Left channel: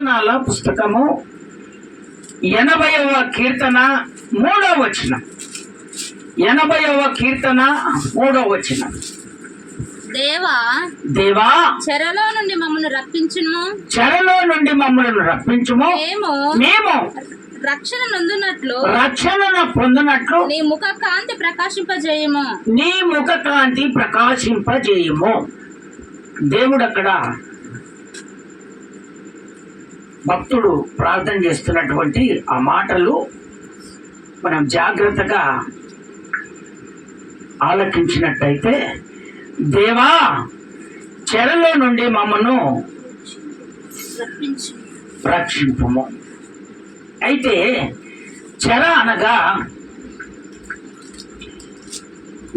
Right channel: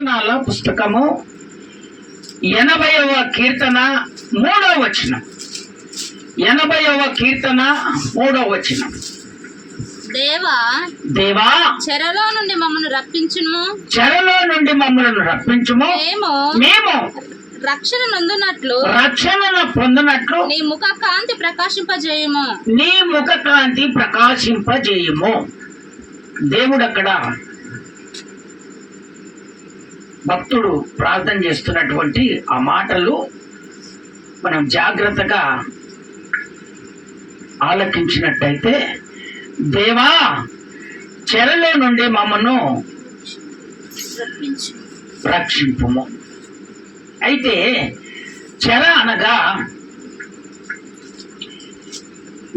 పుస్తకము 80వ కీర్తన 3వ వచనం. 80వ కీర్తన 3వ వచనం. దేవా చెరలో నుండి మమ్మల్ని రప్పించుము. చెరలో నుండి మమ్మల్ని రప్పించుము. మేము రక్షణ పొందినట్లు నీ ముఖ కాంతి ప్రకాశింపజేయము. నీ ముఖ కాంతి ప్రకాశింపజేయము. దేవుడు అక్కడ భక్తుడు ప్రార్థన చేస్తున్నటువంటి ఆ మాటలు మనం జాగ్రత్తగా ఆలకించినట్టయితే, దేవా చెరలో నుండి మమ్మను రక్షింపుము. అయితే చెర అనగా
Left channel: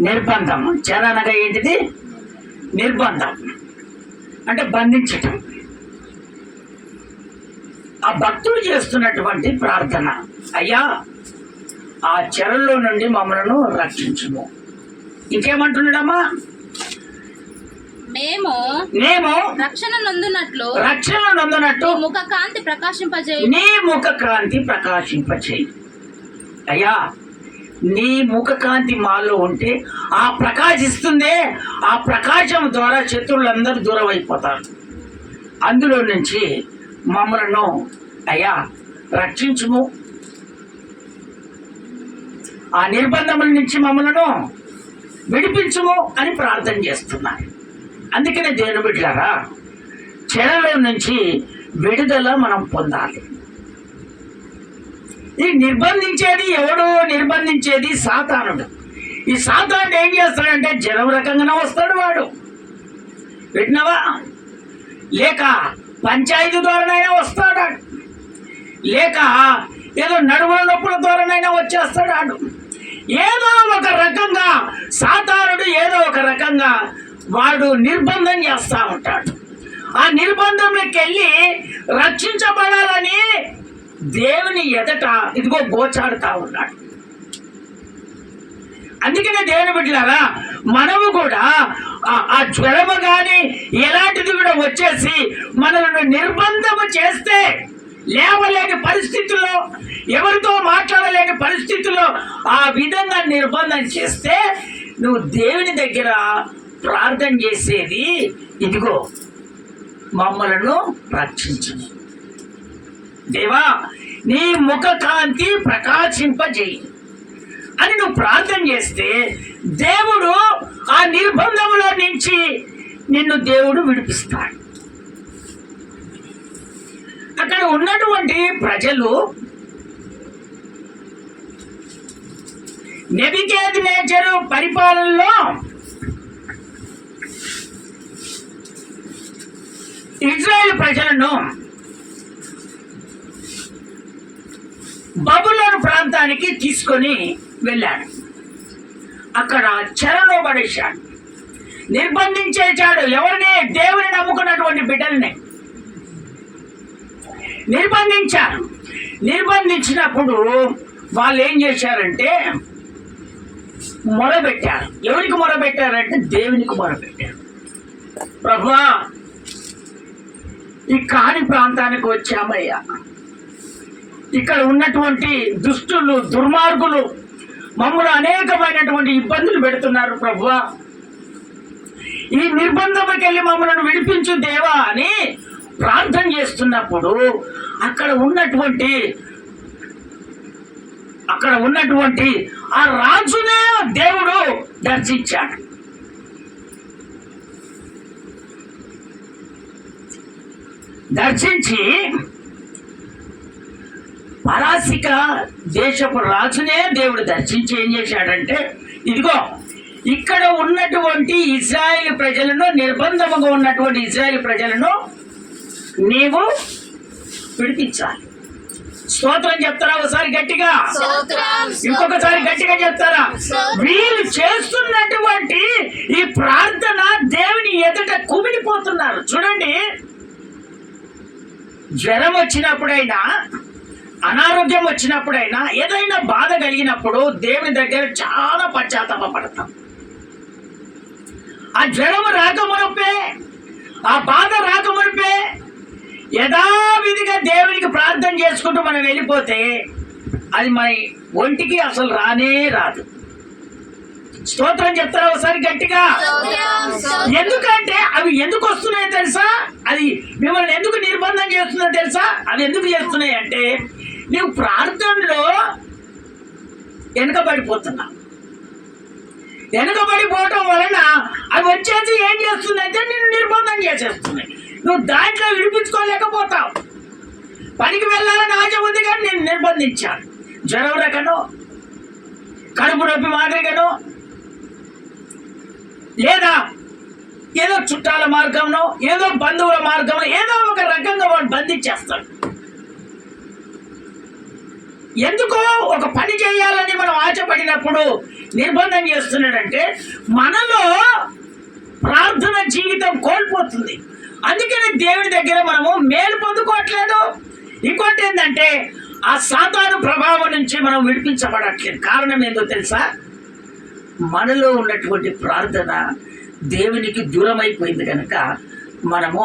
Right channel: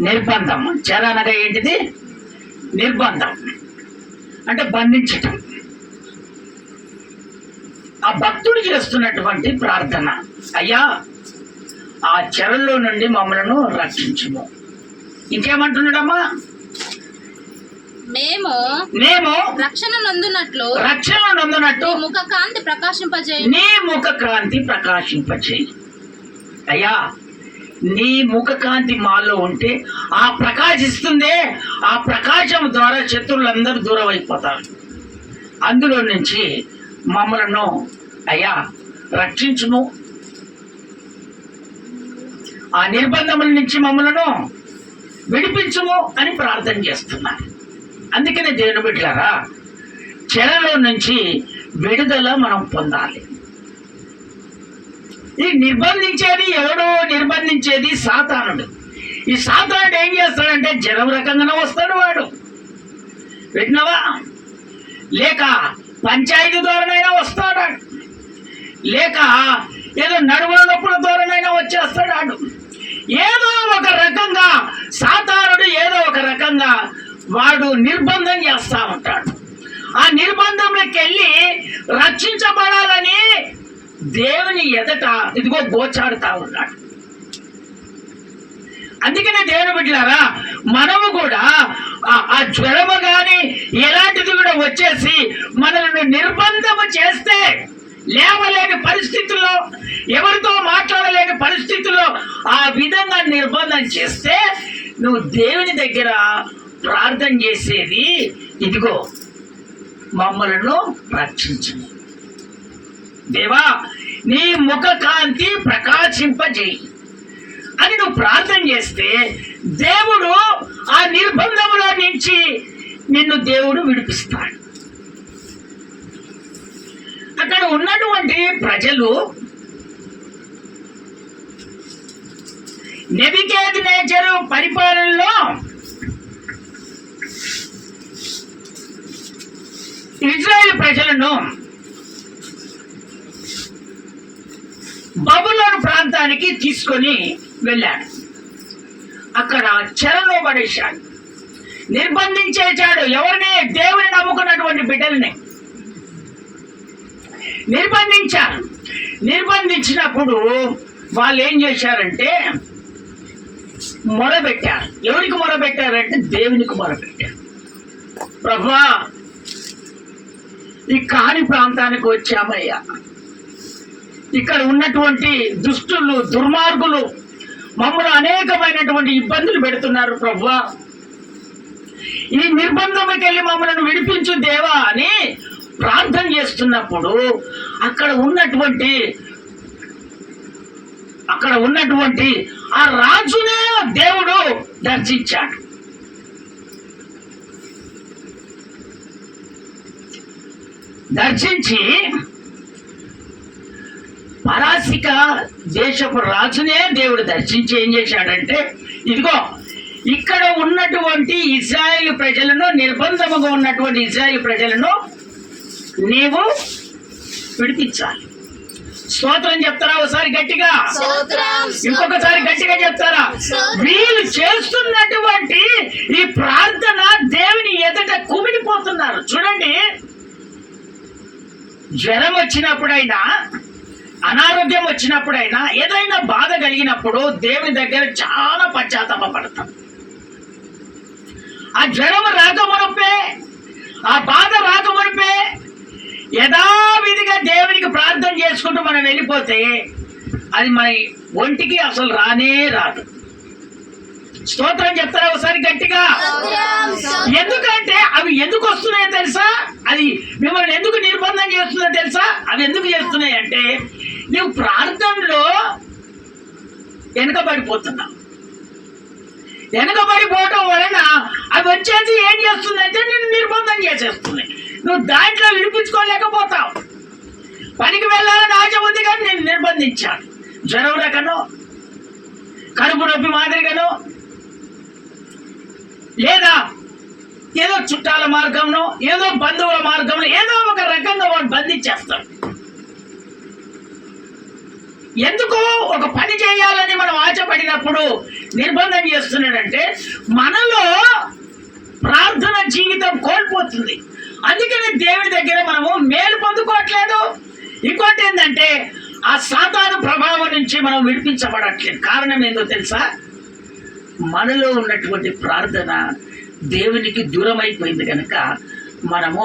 నిర్బంధం. చెర అనగా ఏంటిది? నిర్బంధం అంటే బంధించటం. ఆ భక్తుడు చేస్తున్నటువంటి ప్రార్థన, అయ్యా ఆ చెరలో నుండి మమ్మలను రక్షించుము. ఇంకేమంటున్నాడమ్మా? మేము రక్షణ నందునట్లు నీ ముఖ కాంతి ప్రకాశింపచేయి. అయ్యా నీ ముఖ కాంతి మాలో ఉంటే ఆ ప్రకాశిస్తుందే, ఆ ప్రకాశం ద్వారా శత్రువులందరూ దూరం అయిపోతారు. అందులో నుంచి మమ్మలను అయ్యా రక్షించుము, ఆ నిర్బంధముల నుంచి మమ్మలను విడిపించుము అని ప్రార్థన చేస్తున్నారు. అందుకనే దేవుని బిడ్డలారా, చెరలో నుంచి విడుదల మనం పొందాలి. ఈ నిర్బంధించేది ఎవడు? నిర్బంధించేది సాతానుడు. ఈ సాతానుడు ఏం చేస్తాడంటే జనం రకంగానే వస్తాడు వాడు. విన్నావా? లేక పంచాయతీ ద్వారానైనా వస్తాడు, లేక ఏదో నడుముల నొప్పుల ద్వారానైనా వచ్చేస్తాడు. ఏదో ఒక రకంగా సాతానుడు ఏదో ఒక రకంగా వాడు నిర్బంధం చేస్తా ఉంటాడు. ఆ నిర్బంధంలోకి వెళ్ళి రక్షించబడాలని దేవుని ఎదట ఇదిగో గోచాడుతా ఉన్నాడు. అందుకనే దేవుని బిడ్డలారా, మనము కూడా ఆ జ్వరము కానీ ఎలాంటిది కూడా వచ్చేసి మనల్ని నిర్బంధము చేస్తే, లేవలేని పరిస్థితుల్లో, ఎవరితో మాట్లాడలేని పరిస్థితుల్లో ఆ విధంగా నిర్బంధం చేస్తే నువ్వు దేవుని దగ్గర ప్రార్థన చేసేది, ఇదిగో మమ్మలను రక్షించు దేవా, నీ ముఖ కాంతి ప్రకాశింపజేయి అని నువ్వు ప్రార్థన చేస్తే దేవుడు ఆ నిర్బంధముల నుంచి నిన్ను దేవుడు విడిపిస్తాడు. అక్కడ ఉన్నటువంటి ప్రజలు నెబుకద్నెజరు పరిపాలనలో ఇజ్రాయెల్ ప్రజలను బబులోను ప్రాంతానికి తీసుకొని వెళ్ళాడు. అక్కడ చెరలో పడేశాడు, నిర్బంధించేశాడు. ఎవరిని? దేవుని నమ్ముకున్నటువంటి బిడ్డల్ని నిర్బంధించారు. నిర్బంధించినప్పుడు వాళ్ళు ఏం చేశారంటే మొరబెట్టారు. ఎవరికి మొరబెట్టారంటే దేవునికి మొరబెట్టారు. ప్రభువా, ఈ కాని ప్రాంతానికి వచ్చామయ్యా, ఇక్కడ ఉన్నటువంటి దుష్టులు, దుర్మార్గులు మమ్మల్ని అనేకమైనటువంటి ఇబ్బందులు పెడుతున్నారు ప్రభువా, ఈ నిర్బంధంకి వెళ్ళి మమ్మల్ని విడిపించు దేవా అని ప్రార్థన చేస్తున్నప్పుడు అక్కడ ఉన్నటువంటి ఆ రాజునే దేవుడు దర్శించాడు. దర్శించి పరాసిక దేశపు రాజునే దేవుడు దర్శించి ఏం చేశాడంటే, ఇదిగో ఇక్కడ ఉన్నటువంటి ఇజ్రాయేల్ ప్రజలను, నిర్బంధముగా ఉన్నటువంటి ఇజ్రాయేల్ ప్రజలను నీవు విడిపించాలి. స్తోత్రం చెప్తారా? ఒకసారి గట్టిగా, ఇంకొకసారి గట్టిగా చెప్తారా? వీళ్ళు చేస్తున్నటువంటి ఈ ప్రార్థన దేవుని ఎదుట కుమిలిపోతున్నారు. చూడండి, జ్వరం వచ్చినప్పుడైనా, అనారోగ్యం వచ్చినప్పుడైనా, ఏదైనా బాధ కలిగినప్పుడు దేవుని దగ్గర చాలా పశ్చాత్తాపడతాం. ఆ జ్వరం రాకమునుపే, ఆ బాధ రాకమునుపే యథావిధిగా మనం వెళ్ళిపోతే అది మన ఒంటికి అసలు రానే రాదు. స్తోత్రం చెప్తారా ఒకసారి గట్టిగా? ఎందుకంటే అవి ఎందుకు వస్తున్నాయో తెలుసా? అది మిమ్మల్ని ఎందుకు నిర్బంధం చేస్తుందో తెలుసా? అవి ఎందుకు చేస్తున్నాయి అంటే నువ్వు ప్రార్థనలో వెనుకబడిపోతున్నావు. వెనుకబడిపోవటం వలన అవి వచ్చేసి ఏం చేస్తుందంటే నిన్ను నిర్బంధం చేసేస్తున్నాయి. నువ్వు దాంట్లో విడిపించుకోలేకపోతావు. పనికి వెళ్ళాలని ఆశ ఉంది కానీ నేను నిర్బంధించాను. జ్వరం రకను, కడుపు నొప్పి మాదిరిగాను, లేదా ఏదో చుట్టాల మార్గంలో, ఏదో బంధువుల మార్గంలో, ఏదో ఒక రకంగా వాడు బంధించేస్తాడు. ఎందుకు ఒక పని చేయాలని మనం ఆశపడినప్పుడు నిర్బంధం చేస్తున్నాడంటే మనలో ప్రార్థన జీవితం కోల్పోతుంది. అందుకని దేవుడి దగ్గర మనము మేలు పొందుకోవట్లేదు. ఇంకోటి ఏంటంటే ఆ సాతాను ప్రభావం నుంచి మనం విడిపించబడట్లేదు. కారణం ఏందో తెలుసా? మనలో ఉన్నటువంటి ప్రార్థన దేవునికి దూరం అయిపోయింది కనుక మనము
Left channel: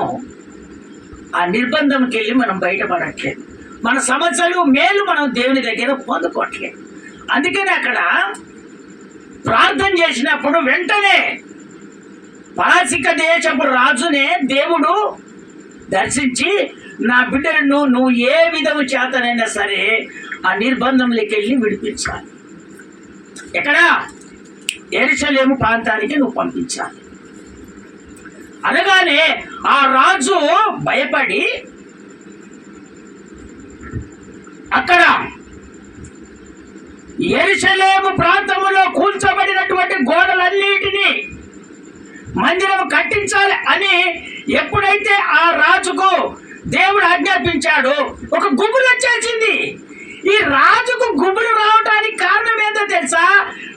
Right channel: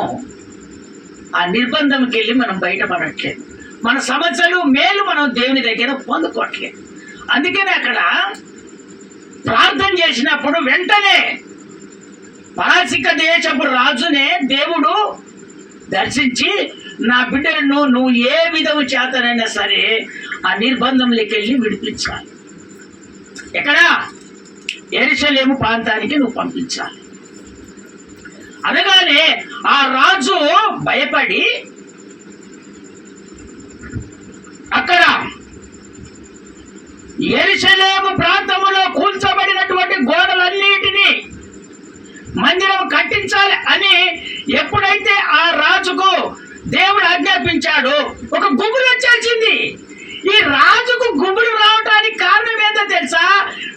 ఆ నిర్బంధంకి వెళ్ళి మనం బయటపడట్లేదు. మన సమస్యలు మేలు మనం దేవుని దగ్గర పొందుకోవట్లేదు. అందుకని అక్కడ ప్రార్థన చేసినప్పుడు వెంటనే పారసిక దేశపు రాజునే దేవుడు దర్శించి నా బిడ్డలను నువ్వు ఏ విధము చేతనైనా సరే ఆ నిర్బంధంలోకి వెళ్ళి విడిపించాలి. ఎక్కడ? యెరూషలేము ప్రాంతానికి నువ్వు పంపించాలి. అనగానే ఆ రాజు భయపడి అక్కడ యెరూషలేము ప్రాంతములో కూల్చబడినటువంటి గోడలన్నిటినీ మందిరం కట్టించాలి అని ఎప్పుడైతే ఆ రాజుకు దేవుడు ఆజ్ఞాపించాడు, ఒక గుబులు వచ్చేసింది. ఈ రాజుకు గుబులు రావడానికి కారణం ఏంటో తెలుసా?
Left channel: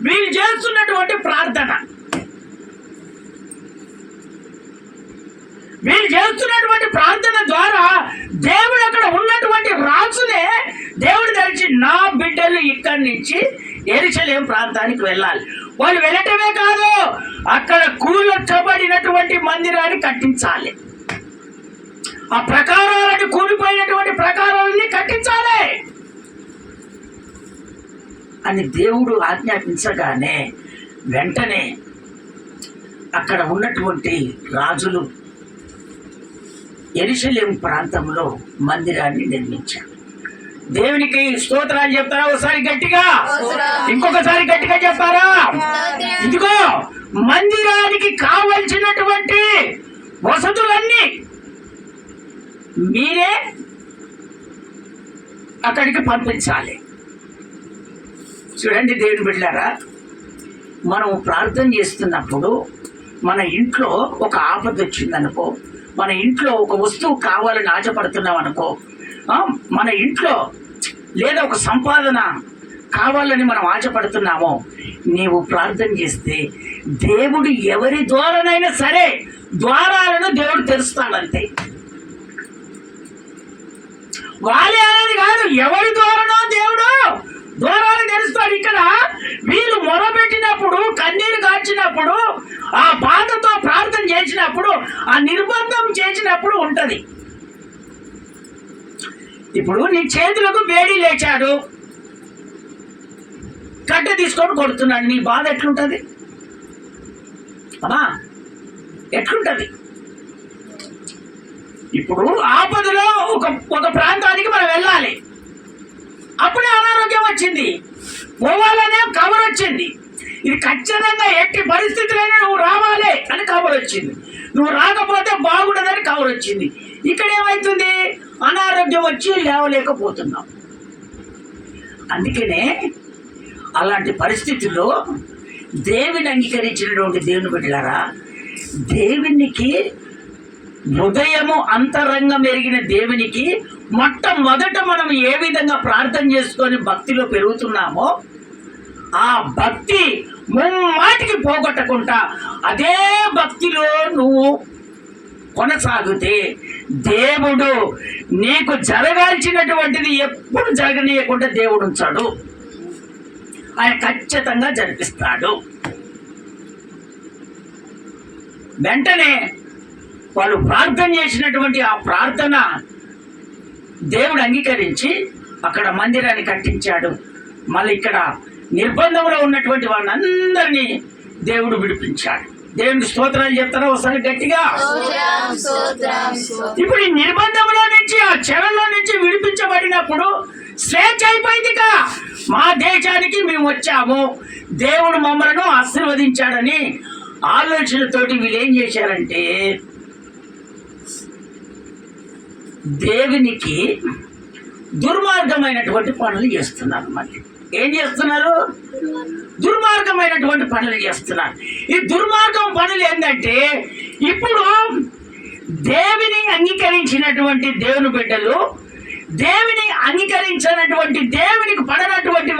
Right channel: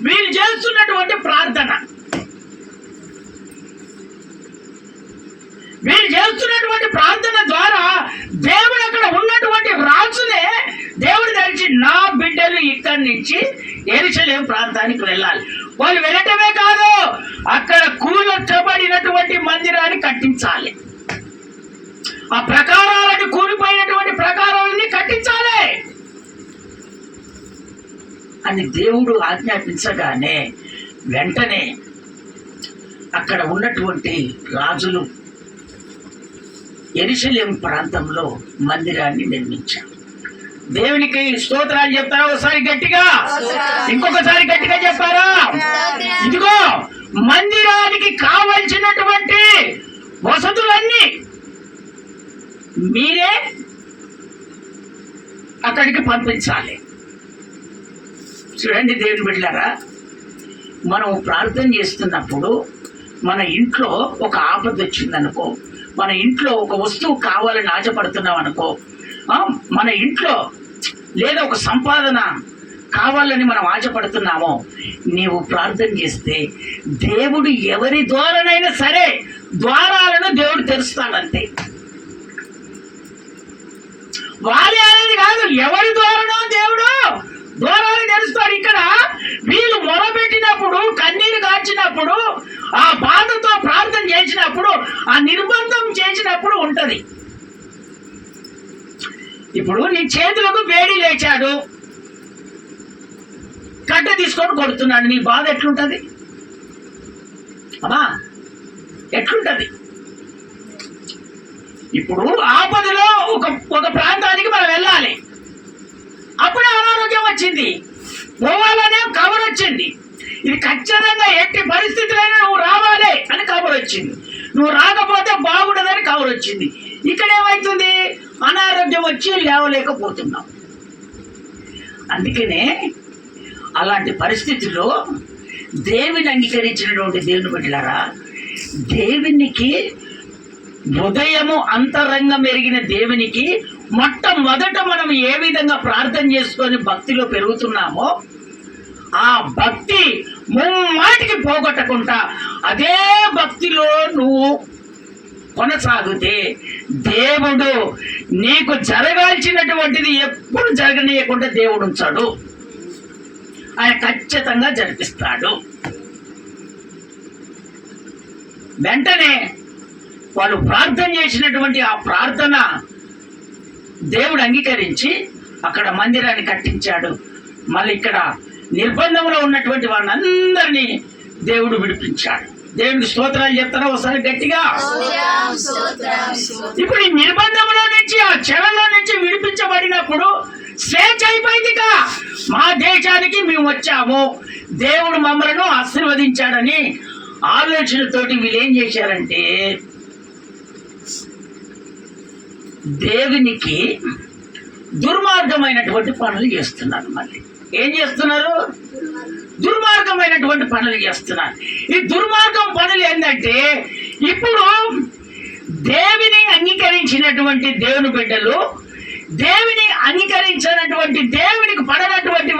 వీళ్ళు చేస్తున్నటువంటి ప్రార్థన. వీళ్ళు చేస్తున్నటువంటి ప్రార్థన ద్వారా దేవుడు అక్కడ ఉన్నటువంటి రాజునే దేవుడు ధరించి నా బిడ్డలు ఇక్కడి నుంచి యెరూషలేము ప్రాంతానికి వెళ్ళాలి. వాళ్ళు వెళ్ళటమే కాదు, అక్కడ కూల్చబడినటువంటి మందిరాన్ని కట్టించాలి. ఆ ప్రకారాలను, కూలిపోయినటువంటి ప్రకారాలని కట్టించాలి అని దేవుడు ఆజ్ఞాపించగానే వెంటనే అక్కడ ఉన్నటువంటి రాజులు యెరూషలేము ప్రాంతంలో మందిరాన్ని నిర్మించారు. దేవునికి స్తోత్రాలు చెప్తారా ఒకసారి గట్టిగా? ఇంకొకసారి గట్టిగా చెప్తారా? ఇదిగో మందిరానికి కావలసినటువంటి వసతులన్నీ మీరే అక్కడికి పంపించాలి. చూడండి దేవుని బిడ్డలారా, మనం ప్రార్థన చేస్తున్నప్పుడు మన ఇంట్లో ఒక ఆపద వచ్చిందనుకో, మన ఇంట్లో ఒక వస్తువు కావాలని ఆశపడుతున్నాం అనుకో, మన ఇంట్లో లేదా ఒక సంపాదన కావాలని మనం ఆశపడుతున్నామో, నీవు ప్రార్థన చేస్తే దేవుడు ఎవరి ద్వారానైనా సరే ద్వారాలను దేవుడు తెరుస్తాడంతే. వాళ్ళే అనేది కాదు, ఎవరి ద్వారానో దేవుడు ద్వారాలు తెరుస్తాడు. ఇక్కడ వీళ్ళు మొరపెట్టినప్పుడు, కన్నీరు కార్చినప్పుడు, ఆ బాధతో ప్రార్థన చేసినప్పుడు, ఆ నిర్బంధం చేసినప్పుడు ఉంటది. ఇప్పుడు నీ చేతులకు వేడి లేచాడు, కట్ట తీసుకొని కొడుతున్నాడు, నీ బాధ ఎట్లుంటది అమ్మా? ఎట్లుంటది? ఇప్పుడు ఆపదలో ఒక ప్రాంతానికి మనం వెళ్ళాలి, అప్పుడే అనారోగ్యం వచ్చింది, పోవాలనే కబర్ వచ్చింది. ఇది ఖచ్చితంగా ఎట్టి పరిస్థితులైనా నువ్వు రావాలి అని కబర్ వచ్చింది. నువ్వు రాకపోతే బాగుండదని కబర్ వచ్చింది. ఇక్కడ ఏమవుతుంది? అనారోగ్యం వచ్చి లేవలేకపోతున్నాం. అందుకనే అలాంటి పరిస్థితుల్లో దేవుని అంగీకరించినటువంటి దేవుని బిడ్డలారా, దేవునికి హృదయము అంతరంగం ఎరిగిన దేవునికి మొట్టమొదట మనం ఏ విధంగా ప్రార్థన చేసుకొని భక్తిలో పెరుగుతున్నామో ఆ భక్తి ముమ్మాటికి పోగొట్టకుండా అదే భక్తిలో నువ్వు కొనసాగితే దేవుడు నీకు జరగాల్సినటువంటిది ఎప్పుడు జరగనీయకుండా దేవుడు ఉంచాడు. ఆయన ఖచ్చితంగా జరిపిస్తాడు. వెంటనే వాళ్ళు ప్రార్థన చేసినటువంటి ఆ ప్రార్థన దేవుడు అంగీకరించి అక్కడ మందిరాన్ని కట్టించాడు. మళ్ళీ ఇక్కడ నిర్బంధంలో ఉన్నటువంటి వాళ్ళందరినీ దేవుడు విడిపించాడు. దేవునికి స్తోత్రాలు చెప్తారా ఒకసారి గట్టిగా? ఇప్పుడు ఈ నిర్బంధంలో నుంచి, ఆ చెరలో నుంచి విడిపించబడినప్పుడు స్వేచ్ఛ అయిపోయిందిగా. మా దేశానికి మేము వచ్చాము, దేవుడు మమ్మలను ఆశీర్వదించాడని ఆలోచనతోటి వీళ్ళు ఏం చేశారంటే దేవునికి దుర్మార్గమైనటువంటి పనులు చేస్తున్నారు. మళ్ళీ ఏం చేస్తున్నారు? దుర్మార్గమైనటువంటి పనులు చేస్తున్నారు. ఈ దుర్మార్గం పనులు ఏంటంటే, ఇప్పుడు దేవుని అంగీకరించినటువంటి దేవుని బిడ్డలు, దేవుని అంగీకరించినటువంటి దేవునికి పడనటువంటి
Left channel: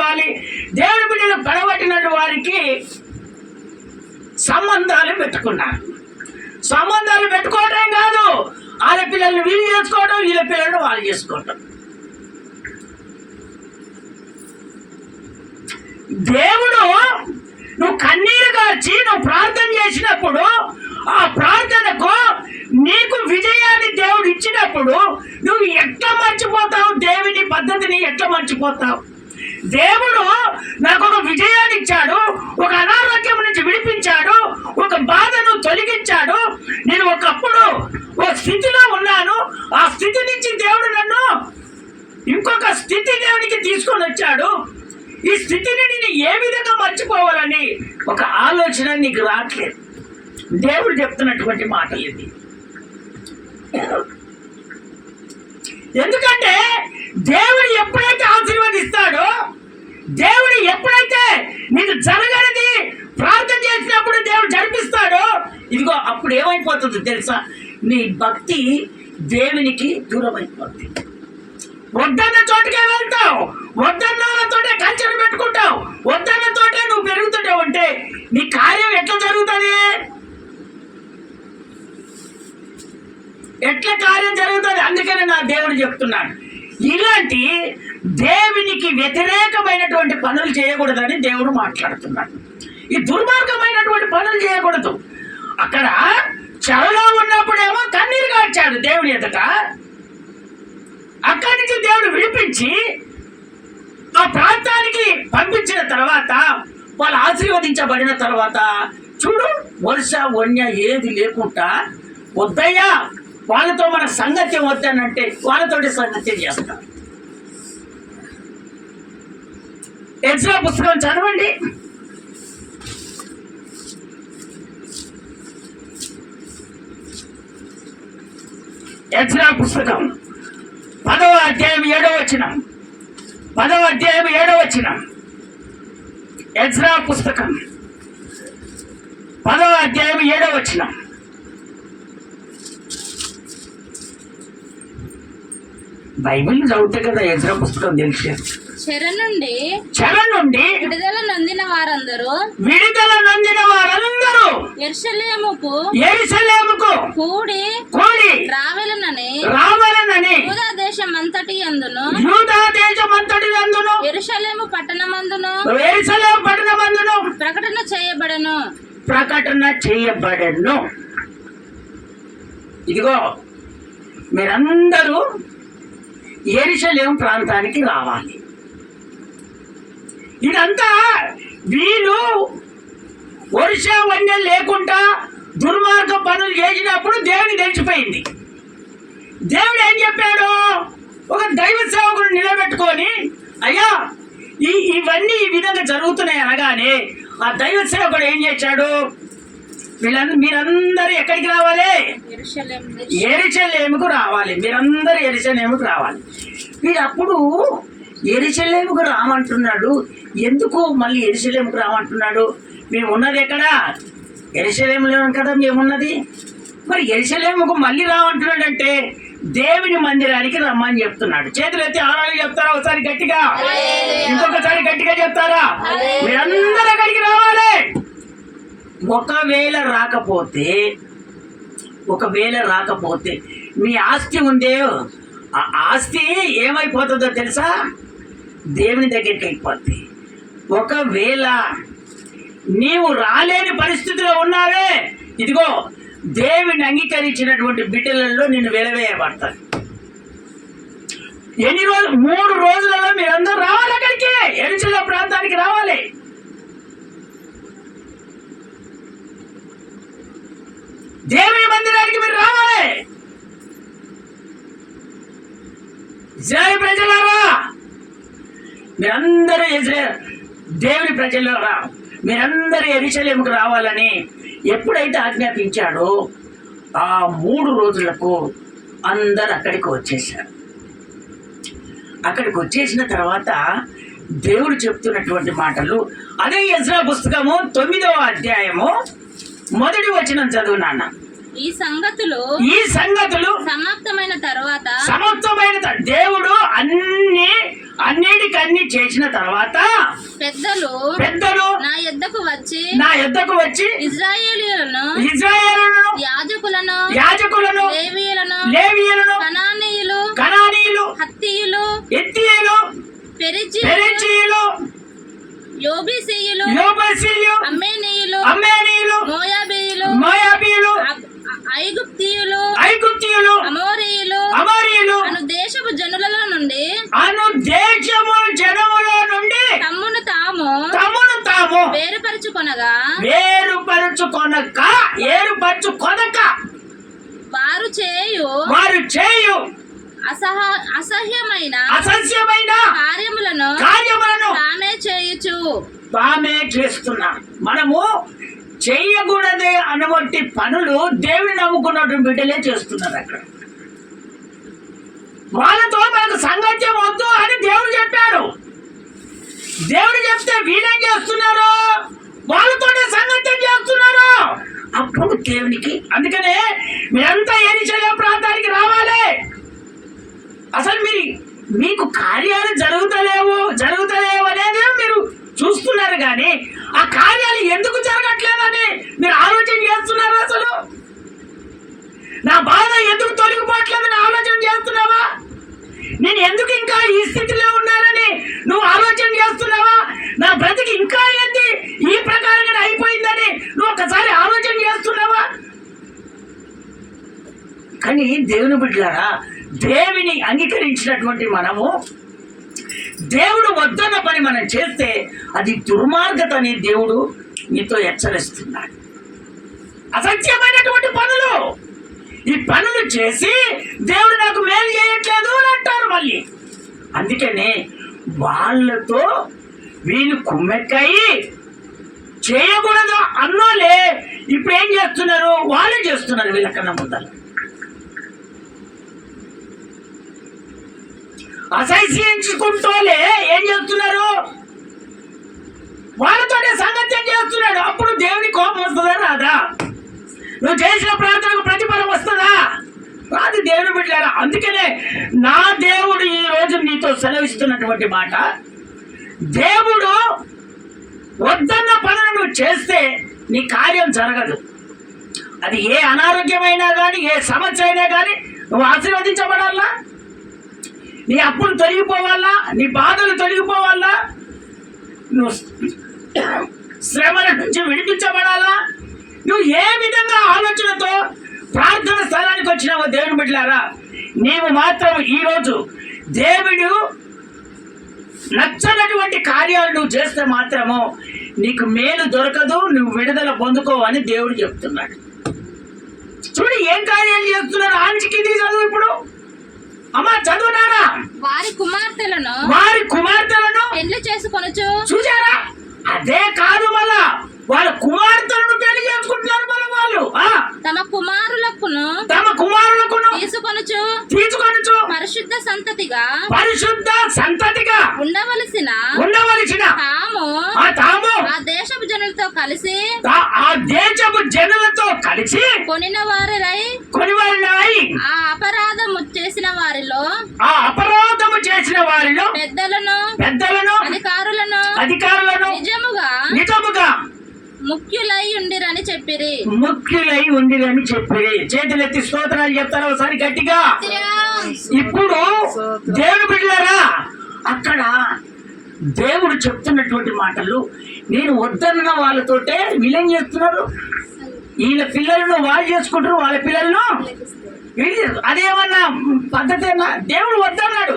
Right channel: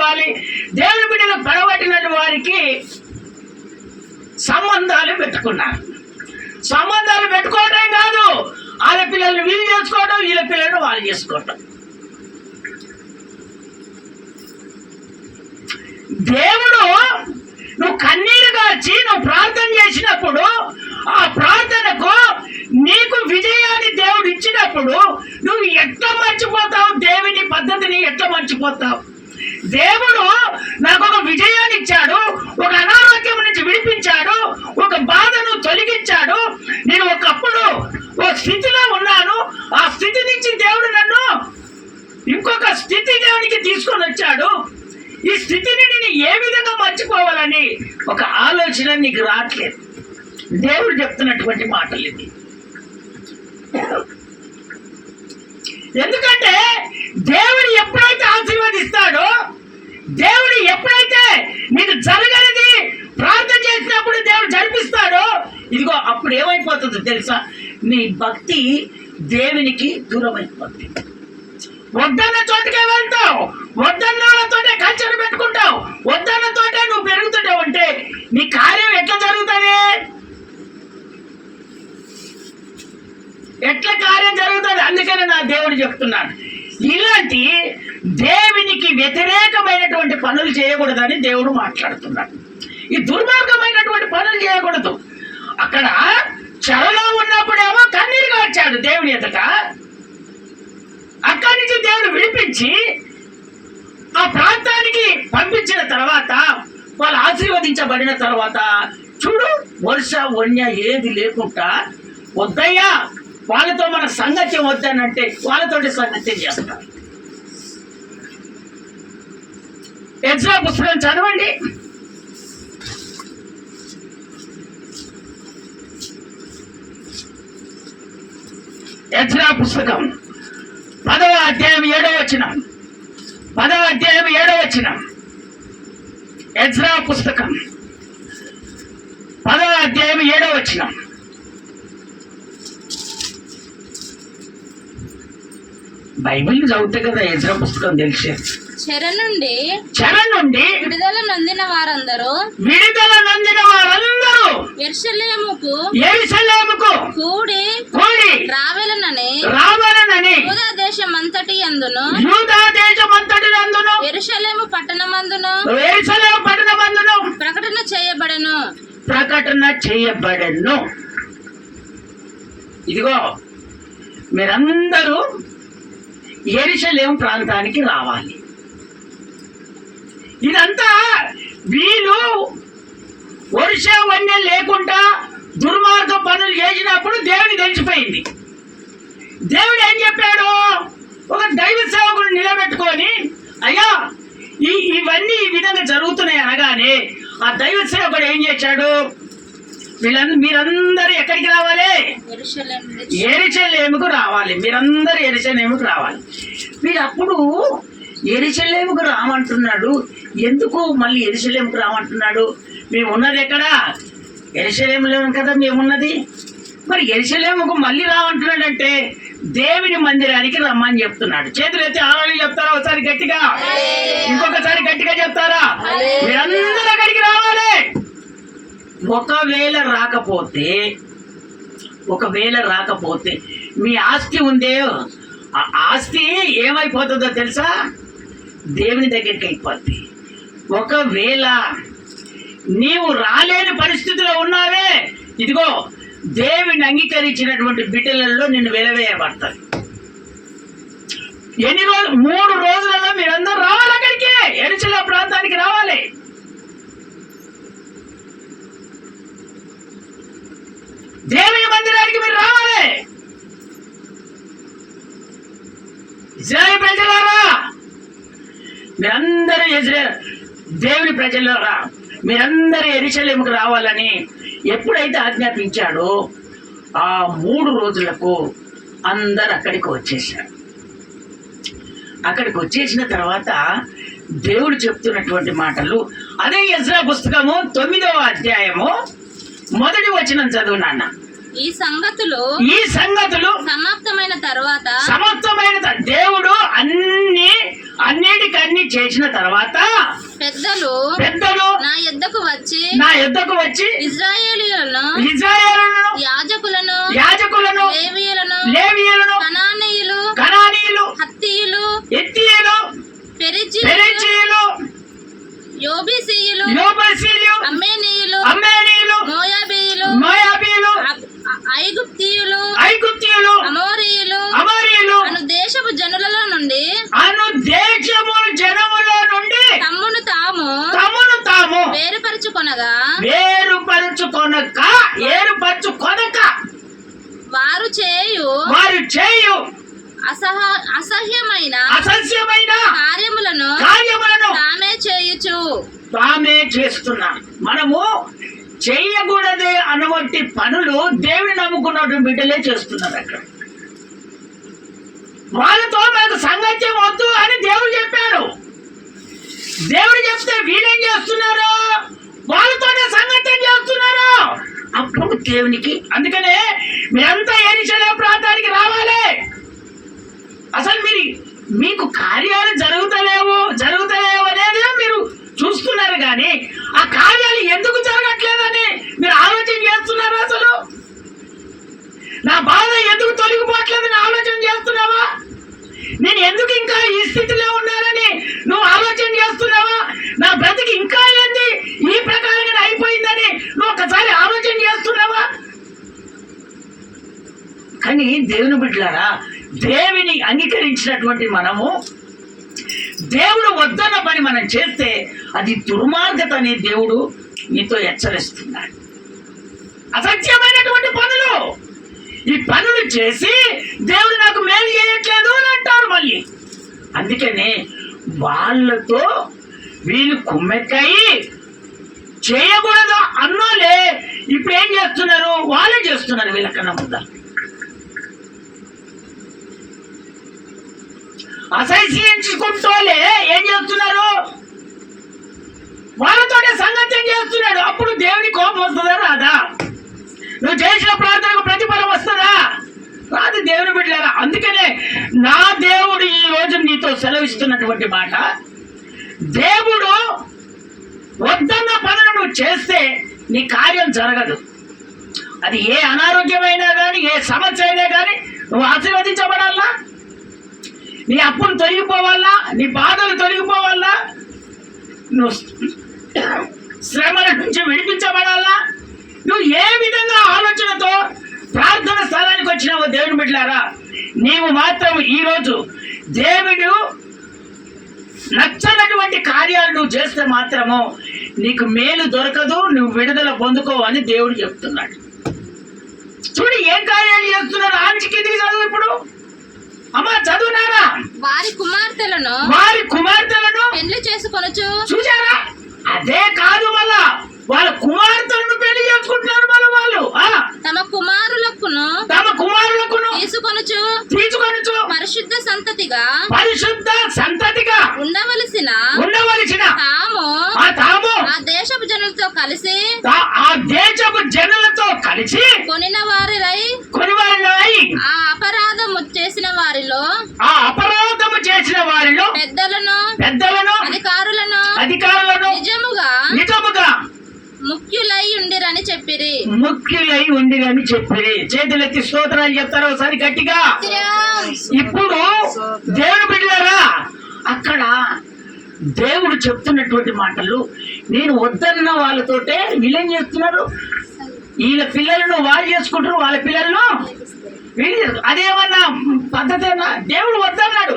దేవుని బిడ్డలు పడబట్టినటువంటి వారికి సంబంధాలు పెట్టుకున్నారు. సంబంధాలు పెట్టుకోవటం కాదు, వాళ్ళ పిల్లల్ని వీళ్ళు చేసుకోవడం, వీళ్ళ పిల్లలను వాళ్ళు చేసుకోవటం. దేవుడు నువ్వు కన్నీరు కార్చి నువ్వు ప్రార్థన చేసినప్పుడు, ఆ ప్రార్థనకు నీకు విజయాన్ని దేవుడు ఇచ్చినప్పుడు నువ్వు ఎట్లా మర్చిపోతావు? దేవుని పద్ధతిని ఎట్లా మర్చిపోతావు? దేవుడు నాకు ఒక విజయాన్ని ఇచ్చాడు, ఒక అనారోగ్యం నుంచి విడిపించాడు, ఒక బాధను తొలగించాడు. నేను ఒకప్పుడు ఒక స్థితిలో ఉన్నాను, ఆ స్థితి నుంచి దేవుడు నన్ను ఇంకొక స్థితి దేవునికి తీసుకొని వచ్చాడు. ఈ స్థితిని నేను ఏ విధంగా మర్చిపోవాలని ఒక ఆలోచన నీకు రావట్లేదు. దేవుడు చెప్తున్నటువంటి మాటలు ఇది. ఎందుకంటే దేవుడు ఎప్పుడైతే ఆశీర్వదిస్తాడో, దేవుడు ఎప్పుడైతే నీకు జరగనిది ప్రార్థన చేసినప్పుడు దేవుడు జరిపిస్తాడో, ఇదిగో అప్పుడు ఏమైపోతుందో తెలుసా? నీ భక్తి దేవునికి దూరం అయిపోతుంది. వద్దన్న చోటుకే వెళ్తావు, వద్దన్నతోటే కల్చర్ పెట్టుకుంటావు, వద్దన్నతోటే నువ్వు పెరుగుతుంటావు. అంటే నీ కార్యం ఎట్లా జరుగుతుంది? ఎట్లా కార్యం జరుగుతుంది? అందుకని నా దేవుడు చెప్తున్నాడు, ఇలాంటి దేవునికి వ్యతిరేకమైనటువంటి పనులు చేయకూడదని దేవుడు మాట్లాడుతున్నాడు. ఈ దుర్మార్గమైనటువంటి పనులు చేయకూడదు. అక్కడ చెరలో ఉన్నప్పుడేమో కన్నీరు కార్చాడు దేవుని ఎదుట. అక్కడి నుంచి దేవుడు విడిపించి ఆ ప్రాంతానికి పంపించిన తర్వాత, వాళ్ళు ఆశీర్వదించబడిన తర్వాత చూడు, వర్ష వన్య ఏది లేకుండా వద్దయ్యా వాళ్ళతో మన సంగత్యం వద్దనంటే వాళ్ళతోటి సంగత్యం చేస్తారు. ఎజ్రా పుస్తకం చదవండి. ఎజ్రా పుస్తకం 10వ అధ్యాయం 7వ వచనం. 10వ అధ్యాయం 7వ వచనం. ఎజ్రా పుస్తకం 10వ అధ్యాయం 7వ వచనం. బైబిల్ చదివితే కదా ఎజ్రా పుస్తకం తెలిసేది. చెర నుండి విడుదల నొందిన వారందరూ యెరూషలేముకు కూడి రావెలనని యూదా దేశమంతటి యందును యెరూషలేము పట్టణమందును ప్రకటన చేయబడెను. ఇదిగో మీరందరూ యెరూషలేము ప్రాంతానికి రావాలి. ఇదంతా వీళ్ళు వర్ష వన్యం లేకుండా దుర్మార్గ పనులు చేసినప్పుడు దేవుని తెలిసిపోయింది. దేవుడు ఏం చెప్పాడు? ఒక దైవ సేవకుడు నిలబెట్టుకొని, అయ్యా ఇవన్నీ ఈ విధంగా జరుగుతున్నాయి అనగానే ఆ దైవ సేవకుడు ఏం చేశాడు? మీరందరూ ఎక్కడికి రావాలి? యెరూషలేముకు రావాలి. మీరందరూ యెరూషలేముకు రావాలి. వీడు అప్పుడు యెరూషలేముకు రామంటున్నాడు. ఎందుకు మళ్ళీ యెరూషలేముకు రామంటున్నాడు? మేము ఉన్నది ఎక్కడ? యెరూషలేములో కదా మేమున్నది. మరి యెరూషలేముకు మళ్ళీ రామంటున్నాడు అంటే దేవుని మందిరానికి రమ్మని చెప్తున్నాడు. చేతులు ఎత్తి ఆరాలు చెప్తారా? ఒకసారి గట్టిగా, ఇంకొకసారి గట్టిగా చెప్తారా? మీరందరూ అక్కడికి రావాలి. ఒకవేళ రాకపోతే మీ ఆస్తి ఉందే, ఆ ఆస్తి ఏమైపోతుందో తెలుసా? దేవుని దగ్గరికి అయిపోద్ది. ఒకవేళ నీవు రాలేని పరిస్థితిలో ఉన్నావే, ఇదిగో దేవుని అంగీకరించినటువంటి బిడ్డలలో నిన్ను వెలవేయబడతాయి. ఎన్ని రోజులు? 3 రోజులలో మీరందరూ రావాలి అక్కడికి, యెరూషలేము ప్రాంతానికి రావాలి. దేవుని మందిరానికి మీరు రావాలి. ఇశ్రాయేలు ప్రజలారా, మీరందరూ దేవుని ప్రజలారా, మీరందరూ యెరూషలేముకు రావాలని ఎప్పుడైతే ఆజ్ఞాపించాడో ఆ 3 రోజులకు అందరు అక్కడికి వచ్చేసారు. అక్కడికి వచ్చేసిన తర్వాత దేవుడు చెప్తున్నటువంటి మాటలు అదే యెజ్రా పుస్తకము 9వ అధ్యాయము 1వ వచనం చదువు నాన్న. ఈ సంగతులు సమాప్తమైన తర్వాత దేవుడు అన్నిటికన్నీ చేసిన తర్వాత పెద్దలు నా యొద్దకు వచ్చి ఇశ్రాయేలీయులను యాజకులను లేవీయులను కనానీయులు హత్తీయులు పెరిజీయులు యోబూసీయులు అమ్మోనీయులు మోయాబీయులు ఐగుప్తీయులు అమోరీయులు అను దేశపు జనులలో నుండి తమ్మును తాము వేరుపరచుకొనగా వారు చేయు అసహ్యమైన కార్యములను తామే చేస్తున్నా. మనము చెయ్యకూడదే అనబట్టి పనులు దేవుని నమ్ముకున్నటువంటి బిడ్డలే చేస్తున్నారు. అక్కడ వాళ్ళతో మనకు సంగత్యం వద్దు అని దేవుడు చెప్పాడు. దేవుడు చెప్తే వీళ్ళేం చేస్తున్నారు? వాళ్ళతోనే సంగత్యం చేస్తున్నారు. అప్పుడు దేవునికి, అందుకనే మీరంతా యెరూషలేము ప్రాంతానికి రావాలి. అసలు మీకు కార్యాలు జరుగుతలేవు అనేది మీరు చూస్తున్నారు, కానీ ఆ కార్యాలు ఎందుకు జరగట్లేదని మీరు ఆలోచన చేస్తున్నారు. అసలు నా బాధ ఎందుకు తొలగిపోవట్లేదని ఆలోచన చేస్తున్నావా? నేను ఎందుకు ఇంకా ఈ స్థితిలో ఉన్నానని నువ్వు ఆలోచన చేస్తున్నావా? నా బ్రతికి ఇంకా ఏంది ఈ ప్రకారంగా అయిపోయిందని నువ్వు ఒకసారి ఆలోచన చేస్తున్నావా? కానీ దేవుని బిడ్డలారా, దేవుని అంగీకరించినటువంటి మనము దేవుడు వద్దన్న పని మనం చేస్తే అది దుర్మార్గత అని దేవుడు నీతో హెచ్చరిస్తున్నాడు. అసత్యమైనటువంటి పనులు, ఈ పనులు చేసి దేవుడు నాకు మేలు చేయట్లేదు అని అంటారు మళ్ళీ. అందుకనే వాళ్ళతో వీళ్ళు కుమ్మెక్కాయి చేయకూడదు అన్నోలే ఇప్పుడు ఏం చేస్తున్నారు? వాళ్ళే చేస్తున్నారు వీళ్ళకన్నా ముందర. అసహ్యించుకుంటూలే ఏం చేస్తున్నారు? వాళ్ళతోనే సంగత్యం చేస్తున్నాడు. అప్పుడు దేవుని కోపం వస్తుందా రాదా? నువ్వు చేసిన ప్రార్థనకు ప్రతిఫలం వస్తుందా రాదు? దేవుని బిడ్డలారా, అందుకనే నా దేవుడు ఈ రోజు నీతో సెలవిస్తున్నటువంటి మాట, దేవుడు వద్దన్న పనులు నువ్వు చేస్తే నీ కార్యం జరగదు. అది ఏ అనారోగ్యమైనా కానీ, ఏ సమస్య అయినా కానీ నువ్వు ఆశీర్వదించబడాలా, నీ అప్పులు తొలగిపోవాలా, నీ బాధలు తొలగిపోవాలా, నువ్వు శ్రమల నుంచి విడిపించబడాలా, నువ్వు ఏ విధంగా ఆలోచనతో ప్రార్థన స్థలానికి వచ్చినావో దేవుని బిడ్డలారా, నీవు మాత్రం ఈరోజు దేవుడు నచ్చనటువంటి కార్యాలు నువ్వు చేస్తే మాత్రము నీకు మేలు దొరకదు, నువ్వు విడుదల పొందుకోవని దేవుడు చెప్తున్నాడు. చూడు ఏం కార్యాలు చేస్తున్నారు. ఆంచి కిందికి చదువు ఇప్పుడు. అమ్మా చదువునారా? వారి కుమార్తెలను పెళ్లి చేసుకొనొచ్చు. చూసారా? అదే కాదు, మళ్ళా వాళ్ళ కుమార్తెలను పెళ్లి చేసుకుంటున్నారు. మన వాళ్ళు తమ కుమారులకును తీసుకొనొచ్చు పరిశుద్ధ సంతతిగా ఉండవలసిన తాము ఆ దేశపు జనులతో కలిసి కొనిన వారిరై ఆ అపరాధము చేసిన వారిలో పెద్దలను అధికారులను నిజముగా ముఖ్యులై ఉండిరని చెప్పిరి. చేతులెత్తి స్తోత్రాలు చెప్తారా ఒకసారి గట్టిగా? ఇప్పుడు దేవుని బిడ్డలారా, అక్కడ దేవుడు చెప్తున్నటువంటి మాటలు నేను వద్దన్న వాళ్ళతోటే వీళ్ళేం చేస్తున్నారు? వీళ్ళ పిల్లలను వాళ్ళు చేసుకుంటారు, వాళ్ళ పిల్లలను వీళ్ళు అదేమన్నా పద్ధతేనా? దేవుడు వద్దన్నాడు.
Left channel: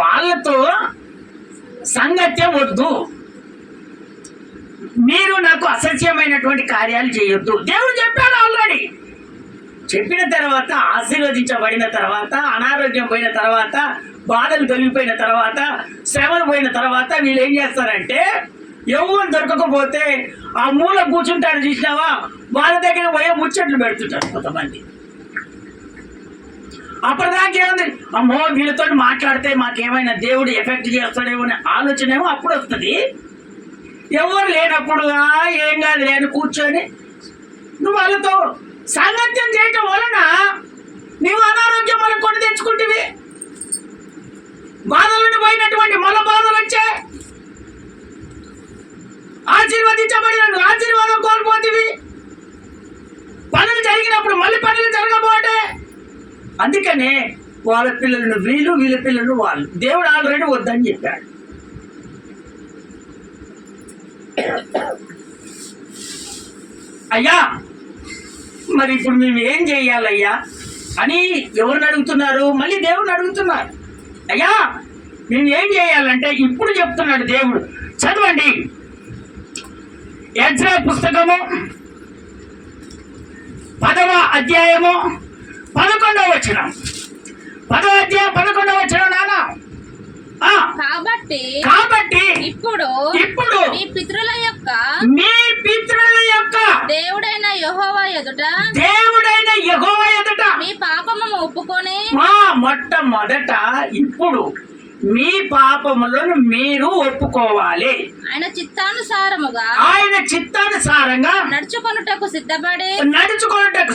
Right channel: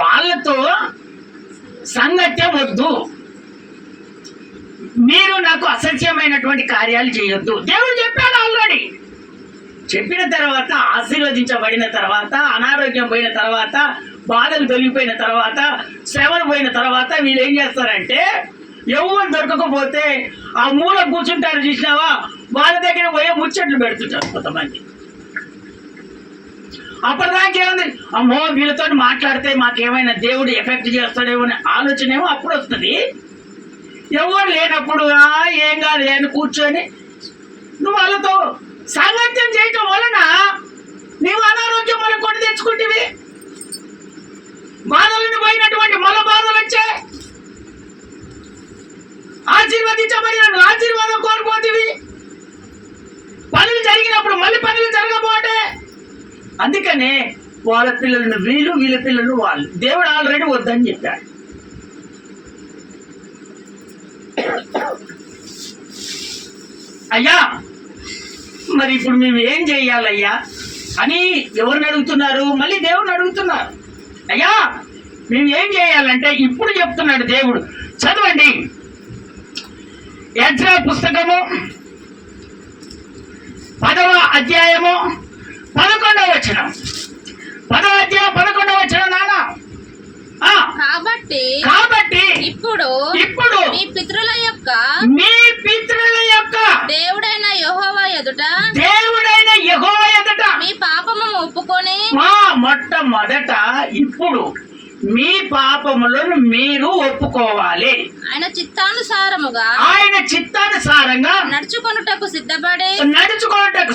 వాళ్ళతో సంగత్యం వద్దు, మీరు నాకు అసత్యమైనటువంటి కార్యాలు చేయొద్దు దేవుడు చెప్పాడు ఆల్రెడీ. చెప్పిన తర్వాత, ఆశీర్వదించబడిన తర్వాత, అనారోగ్యం పోయిన తర్వాత, బాధలు తొలగిపోయిన తర్వాత, శ్రమలు పోయిన తర్వాత వీళ్ళు ఏం చేస్తారంటే, ఎవరు దొరకకపోతే ఆ మూల కూర్చుంటారు చూసినావా, వాళ్ళ దగ్గర పోయే ముచ్చట్లు పెడుతుంటారు కొంతమంది. అప్పటిదాకా ఏముంది, అమ్మో వీళ్ళతో మాట్లాడితే మాకేమైనా దేవుడు ఎఫెక్ట్ చేస్తాడేమో అనే ఆలోచన ఏమో అప్పుడు వస్తుంది. ఎవరు లేనప్పుడు ఏం కాదు అని కూర్చొని నువ్వు వాళ్ళతో సాంగత్యం చేయటం వలన నీవు అనారోగ్యం వల్ల కొని తెచ్చుకుంటేవి, బాధలను పోయినటువంటి మళ్ళా బాధలు వచ్చాయి, ఆశీర్వదించబడిన ఆశీర్వాదం కోల్పోతేవి, పనులు జరిగినప్పుడు మళ్ళీ పనులు జరగబోటే. అందుకనే వాళ్ళ పిల్లలను వీళ్ళు, వీళ్ళ పిల్లలు వాళ్ళు. దేవుడు ఆల్రెడీ వద్దని చెప్పాడు. అయ్యా మరి ఇప్పుడు మేము ఏం చేయాలయ్యా అని ఎవరిని అడుగుతున్నారు? మళ్ళీ దేవుడిని అడుగుతున్నారు. అయ్యా మేము ఏం చేయాలంటే ఇప్పుడు చెప్తున్నాడు దేవుడు. చదవండి, ఎజ్రా పుస్తకము 10వ అధ్యాయము 11వ వచనం. 10వ అధ్యాయం 11వ వచనం నాన్న. కాబట్టి ఇప్పుడు మీ పితరుల యొక్క దేవుడైన యెహోవా ఎదుట మీ పాపము ఒప్పుకొని మొట్టమొదట ఇప్పుడు మీ పాపములను మీరు ఒప్పుకోవాలి. ఆయన చిత్తానుసారంగా నడుచుకొనుటకు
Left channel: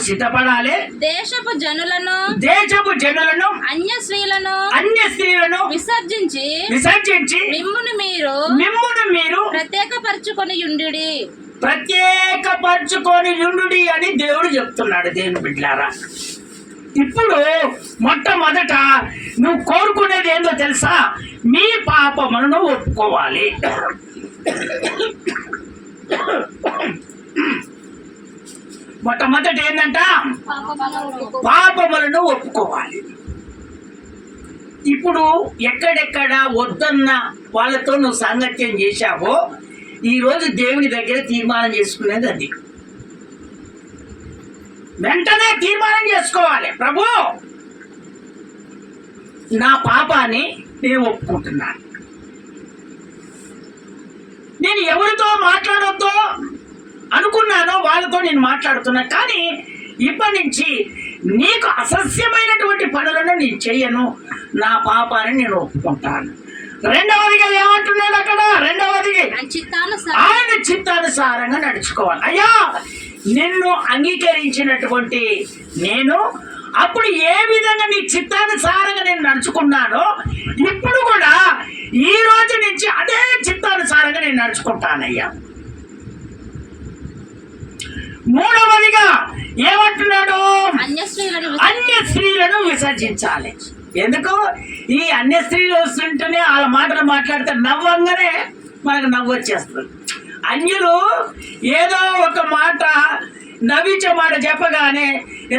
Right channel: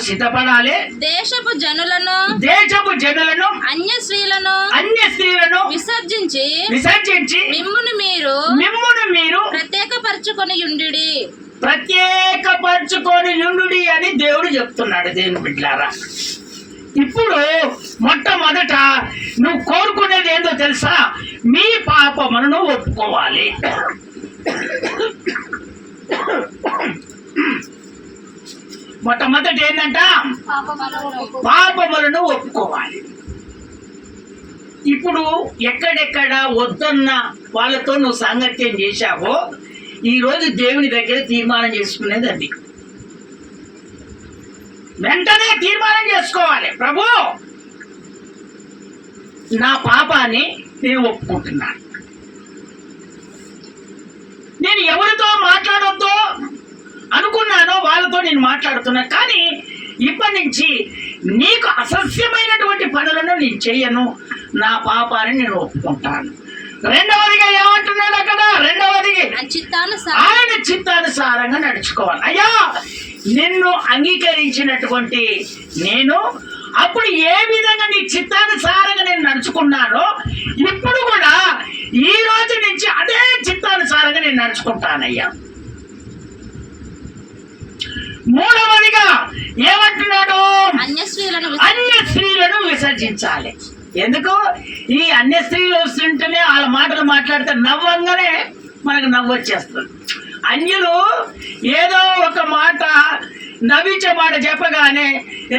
సిద్ధపడాలి. దేశపు జనులను అన్య స్త్రీలను విసర్జించి మిమ్మును మీరు ప్రత్యేకపరచుకొని యుండుడి అని దేవుడు చెప్తున్నాడు. దేవుని బిడ్డలారా, ఇప్పుడు మొట్టమొదట నువ్వు కోరుకునేది ఏందో తెలుసా? మీ పాపములను ఒప్పుకోవాలి. మొట్టమొదటి ఏంటంట? పాపములను ఒప్పుకోవాలి. ఇప్పుడు ఎక్కడెక్కడ వద్దన్న వాళ్ళతో నువ్వు సాంగత్యం చేశావో ఈరోజు దేవుని దగ్గర తీర్మానం చేసుకునేది అది. వెంటనే తీర్మానం చేసుకోవాలి, ప్రభు నా పాపాన్ని నేను ఒప్పుకుంటున్నాను. నేను ఎవరితో మాట్లాడొద్దో అనుకున్నానో వాళ్ళతో నేను మాట్లాడుతున్నాను, కానీ ఇప్పటి నుంచి నీకు అసస్యమైనటువంటి పనులను నేను చెయ్యను, నా పాపాన్ని నేను ఒప్పుకుంటాను. రెండవదిగా ఏమంటున్నాడు అక్కడ? రెండవది ఆయన చిత్తానుసారంగా నడుచుకోవాలి. అయ్యా నిన్ను అంగీకరించినటువంటి నేను అప్పుడు ఏ విధంగా నీ చిత్తానుసారంగా నేను నడుచుకున్నానో ఇప్పుడు కూడా ఈ రోజు నుంచి అదే చిత్తానుసారంగా నేను నడుచుకుంటానయ్యా. మూడవదిగా ఏమంటున్నాడు? అన్య స్త్రీలను విసర్జించాలి. ఎందుకు? ఈ అన్య స్త్రీలు వస్తుంటేనే వాళ్ళ మాటలు మాట్లాడితే నవ్వంగానే మనకు నవ్వు వచ్చేస్తుంది. అన్యులు ఏదో ఒక మాట నవ్వించే మాట చెప్పగానే